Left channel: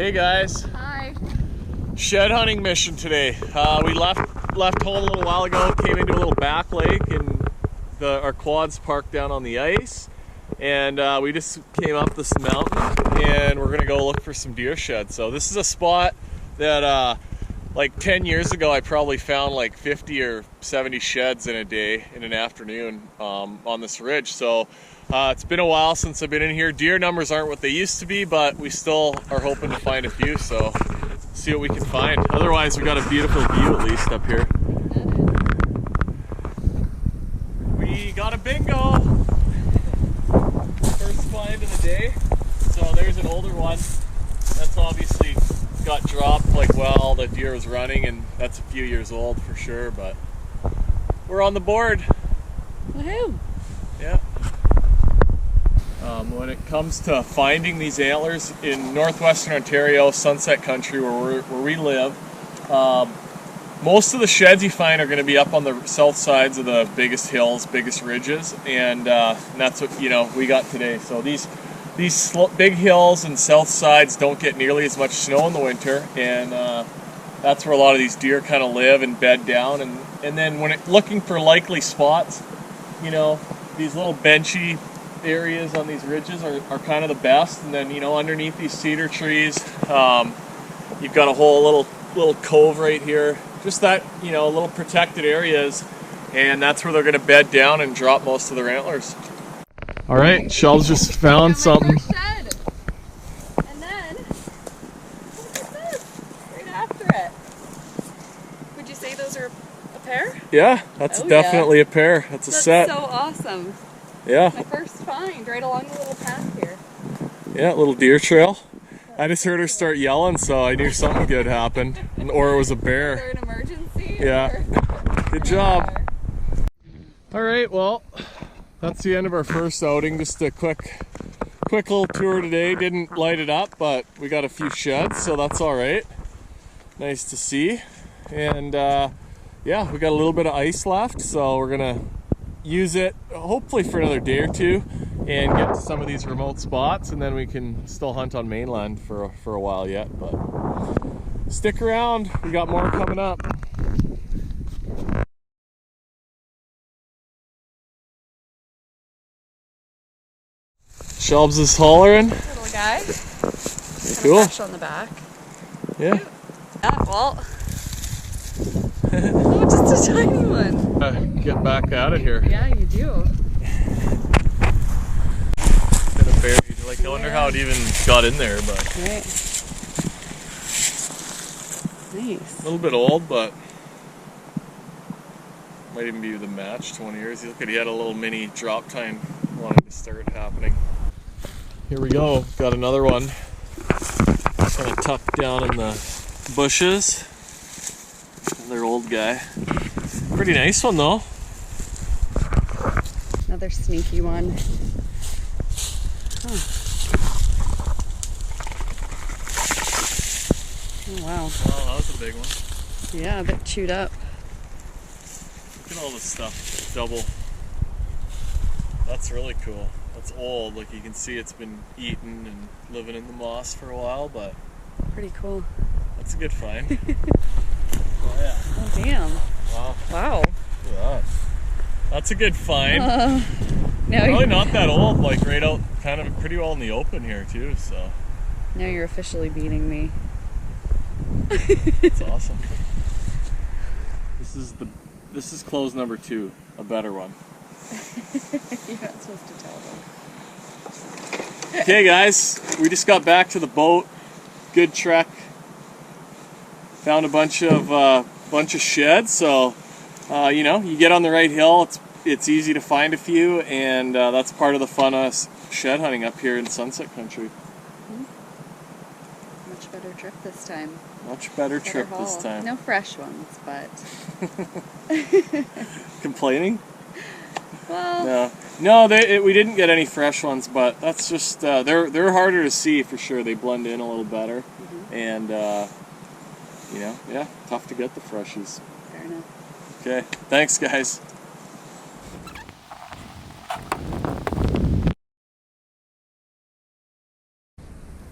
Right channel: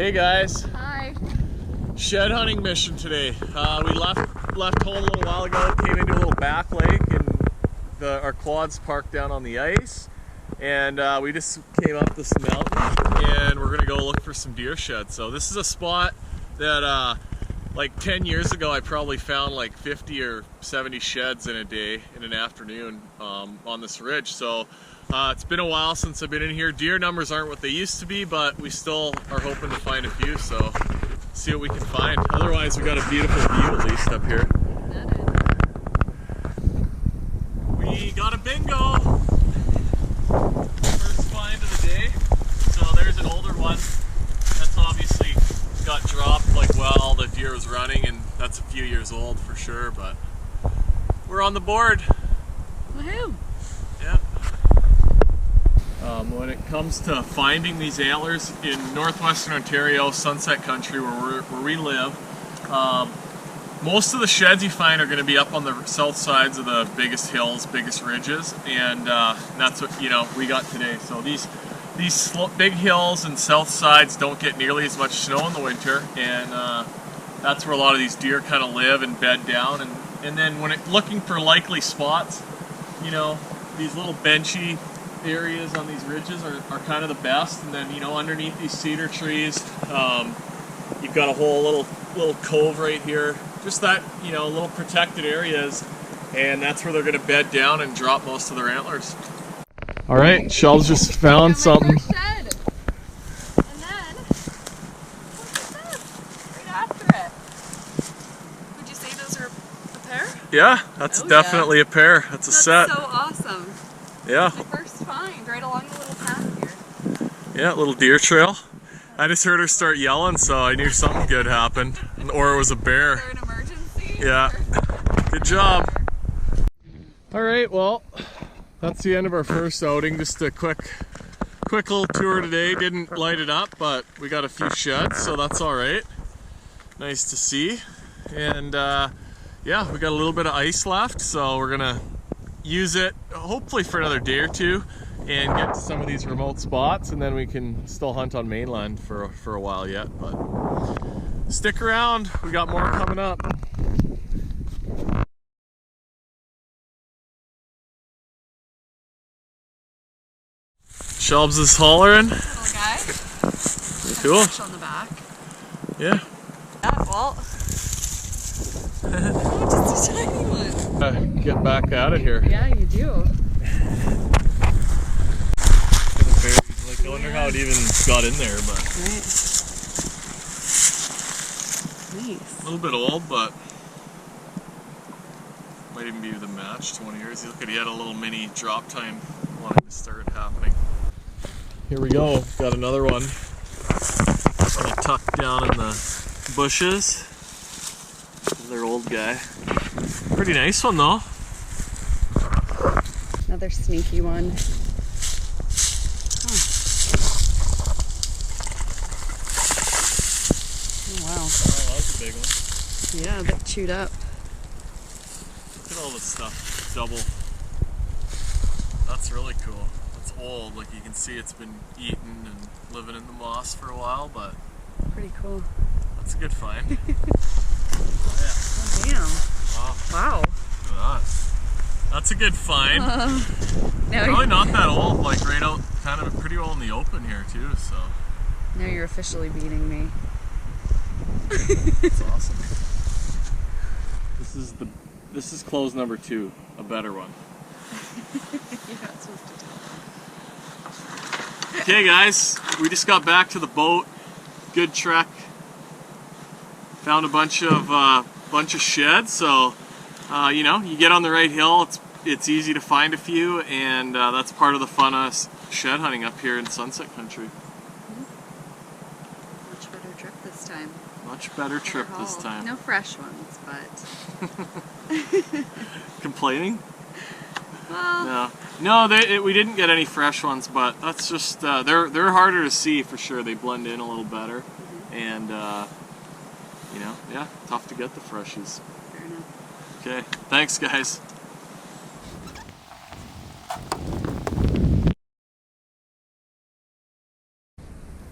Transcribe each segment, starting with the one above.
Hey guys. Hi. Shed hunting mission today. We left home a little while ago, came into a little back lake, and our quad's parked down on the ice. And we just came up this mountain, and we're gonna go look for some deer sheds. So this is a spot that like 10 years ago I probably found like 50 or 70 sheds in a day, in an afternoon, on this ridge. So it's been a while since I've been in here. Deer numbers aren't what they used to be, but we still are hoping to find a few, so see what we can find. Otherwise, we got a beautiful view at least up here. We got a bingo! First find of the day. So there's an older one. That's obviously got dropped like while the deer was running, and that's a few years old for sure, but we're on the board. Woohoo! Yeah. When it comes to finding these antlers in northwestern Ontario, Sunset Country, where we live, most of the sheds you find are going to be up on the south sides of the biggest hills, biggest ridges, and that's what we got today. So these big hills and south sides don't get nearly as much snow in the winter, and that's where a lot of these deer kind of live and bed down. And then when looking for likely spots, these little benchy areas on these ridges are kind of the best. And then underneath these cedar trees, you've got a whole little cove right here, just that little protected areas, and that's where they're going to bed down and drop most of their antlers. All right, Shel's just found something. Shed. And then look at this right after it. Would you say those are a pair? Yeah, that's definitely a pair. That's a set. That's so awesome. Yeah. My first find right along the little path here. Yeah, little deer trail. I just heard her start yelling, so I knew something good happened, or it was a bear. Is there an emergency? Yeah. Good job. All right, well, that's the end of our first outing. Just a quick little tour today. Didn't light it up, but we got a few sheds, so that's all right. Nice to see. And yeah, we got a little bit of ice left, so we're gonna use it hopefully for another day or two and get to some of these remote spots, and then we can still hunt on mainland for a while yet. But stick around, we got more coming up. Shelbs is hollering. Little guy. Cool. Fresh on the back. Yeah. Well. Oh, just a tiny one. Get back out of here. Yeah, you do. Got a buried. Like, I wonder how it even got in there, but. Right. Nice. A little bit old, but might even be the match. 20 years. Look at, he had a little mini drop time wanting to start happening. Here we go. Got another one. Kind of tucked down in the bushes. Another old guy. Pretty nice one though. Another sneaky one. Huh. Oh wow. Wow, that was a big one. Yeah, a bit chewed up. Look at all this stuff. Double. That's really cool. That's old. Like, you can see it's been eaten and living in the moss for a while, but Pretty cool. that's a good find. Oh yeah. Oh damn. Wow. Wow. Look at that. That's a good find. Now Probably not that old, like right out kind of pretty well in the open here too, so. Now you're officially beating me. That's awesome. This is close number 2, a better one. You're not supposed to tell them. Okay guys, we just got back to the boat. Good trek. Found a bunch of sheds, so you get on the right hill, it's easy to find a few, and that's part of the fun of shed hunting up here in Sunset Country. Much better trip this time. Much better trip this time. No fresh ones, but Complaining? well, no, we didn't get any fresh ones, but that's just they're harder to see for sure. They blend in a little better, and yeah, tough to get the freshies. fair enough. Okay, thanks guys.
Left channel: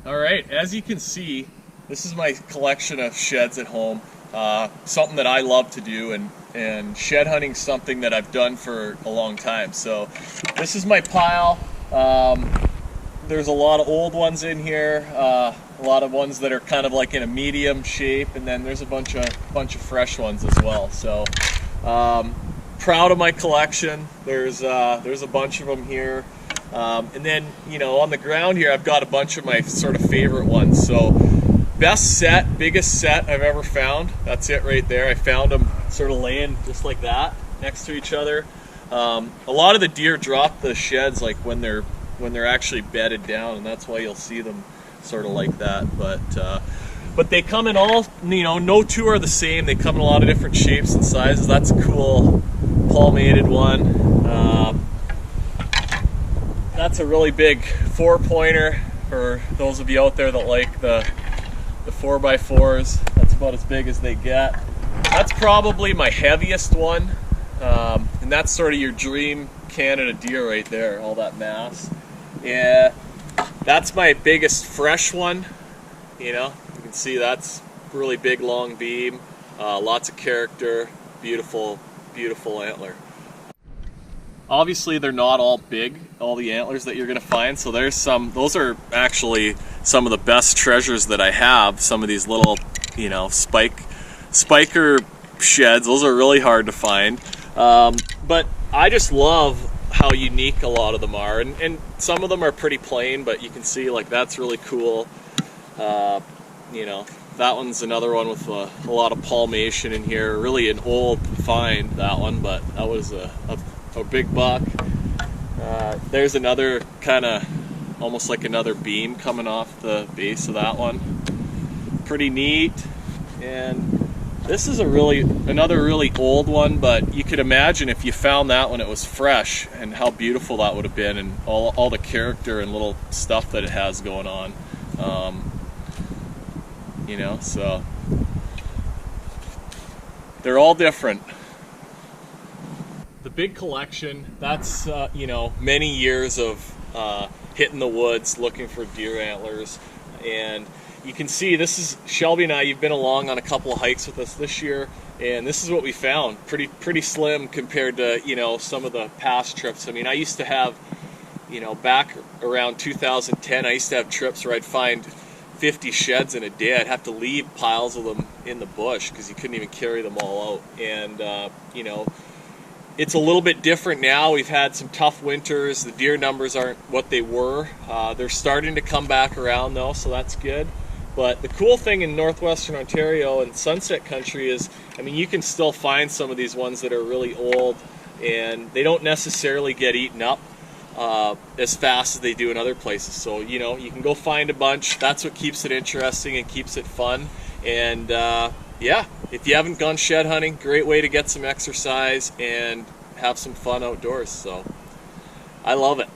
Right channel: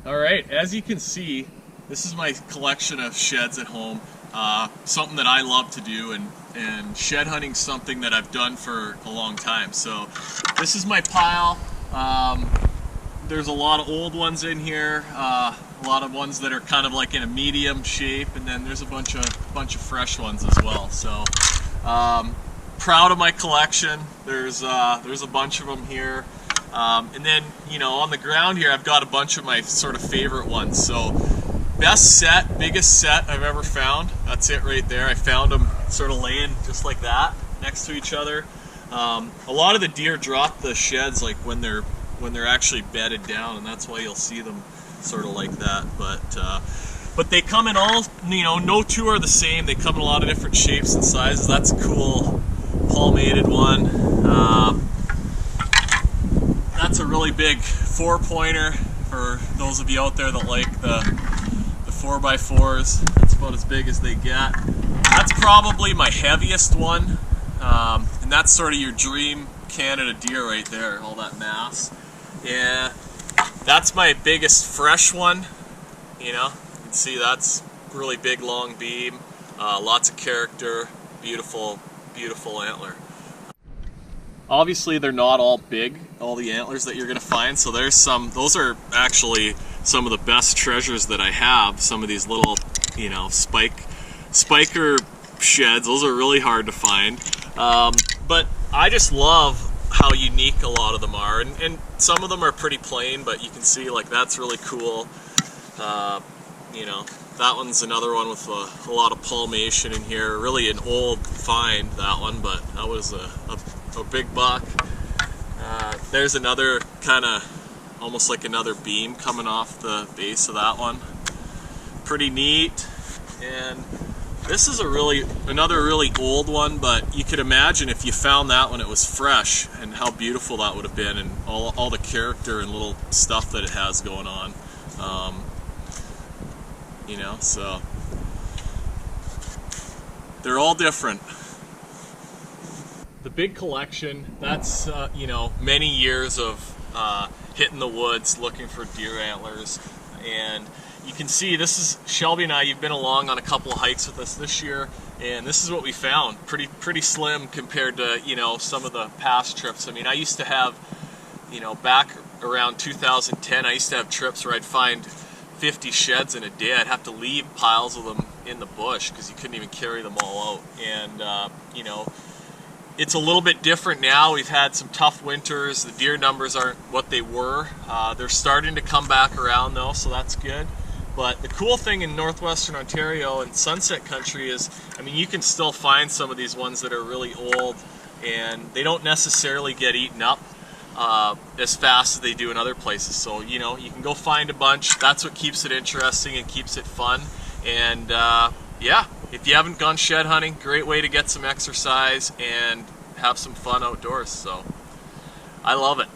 All right, as you can see, This is my collection of sheds at home. Something that I love to do, and shed hunting is something that I've done for a long time. So this is my pile. There's a lot of old ones in here, a lot of ones that are kind of like in a medium shape, and then there's a bunch of fresh ones as well. So proud of my collection. There's a bunch of them here, and then on the ground here I've got a bunch of my sort of favorite ones. So best set, biggest set I've ever found. That's it right there. I found them sort of laying just like that next to each other. A lot of the deer drop the sheds like when they're actually bedded down, and that's why you'll see them sort of like that. But they come in all, no two are the same. They come in a lot of different shapes and sizes. That's a cool palmated one. That's a really big 4-pointer for those of you out there that like the 4x4s. That's about as big as they get. That's probably my heaviest one, and that's sort of your dream Canada deer right there, all that mass. Yeah, that's my biggest fresh one. You can see that's really big, long beam, lots of character, beautiful antler. Obviously they're not all big, all the antlers that you're going to find, so there's those are actually some of the best treasures that I have. Some of these little, spiker sheds, those are really hard to find. But I just love how unique a lot of them are, and some of them are pretty plain, but you can see like that's really cool. That one's another one with a lot of palmation in here. Really an old find, that one, but that was a big buck. There's another kind of almost like another beam coming off the base of that one. Pretty neat. And this is another really old one, but you could imagine if you found that when it was fresh and how beautiful that would have been, and all the character and little stuff that it has going on. So they're all different. The big collection, that's many years of hitting the woods looking for deer antlers. And you can see this is Shelby and I. You've been along on a couple of hikes with us this year, and this is what we found. Pretty slim compared to some of the past trips. I mean, I used to have back around 2010, I used to have trips where I'd find 50 sheds in a day. I'd have to leave piles of them in the bush because you couldn't even carry them all out. And it's a little bit different now. We've had some tough winters. The deer numbers aren't what they were. They're starting to come back around though, so that's good. But the cool thing in northwestern Ontario and Sunset Country is, you can still find some of these ones that are really old, and they don't necessarily get eaten up as fast as they do in other places. So you can go find a bunch. That's what keeps it interesting and keeps it fun. And yeah, if you haven't gone shed hunting, great way to get some exercise and have some fun outdoors. So I love it.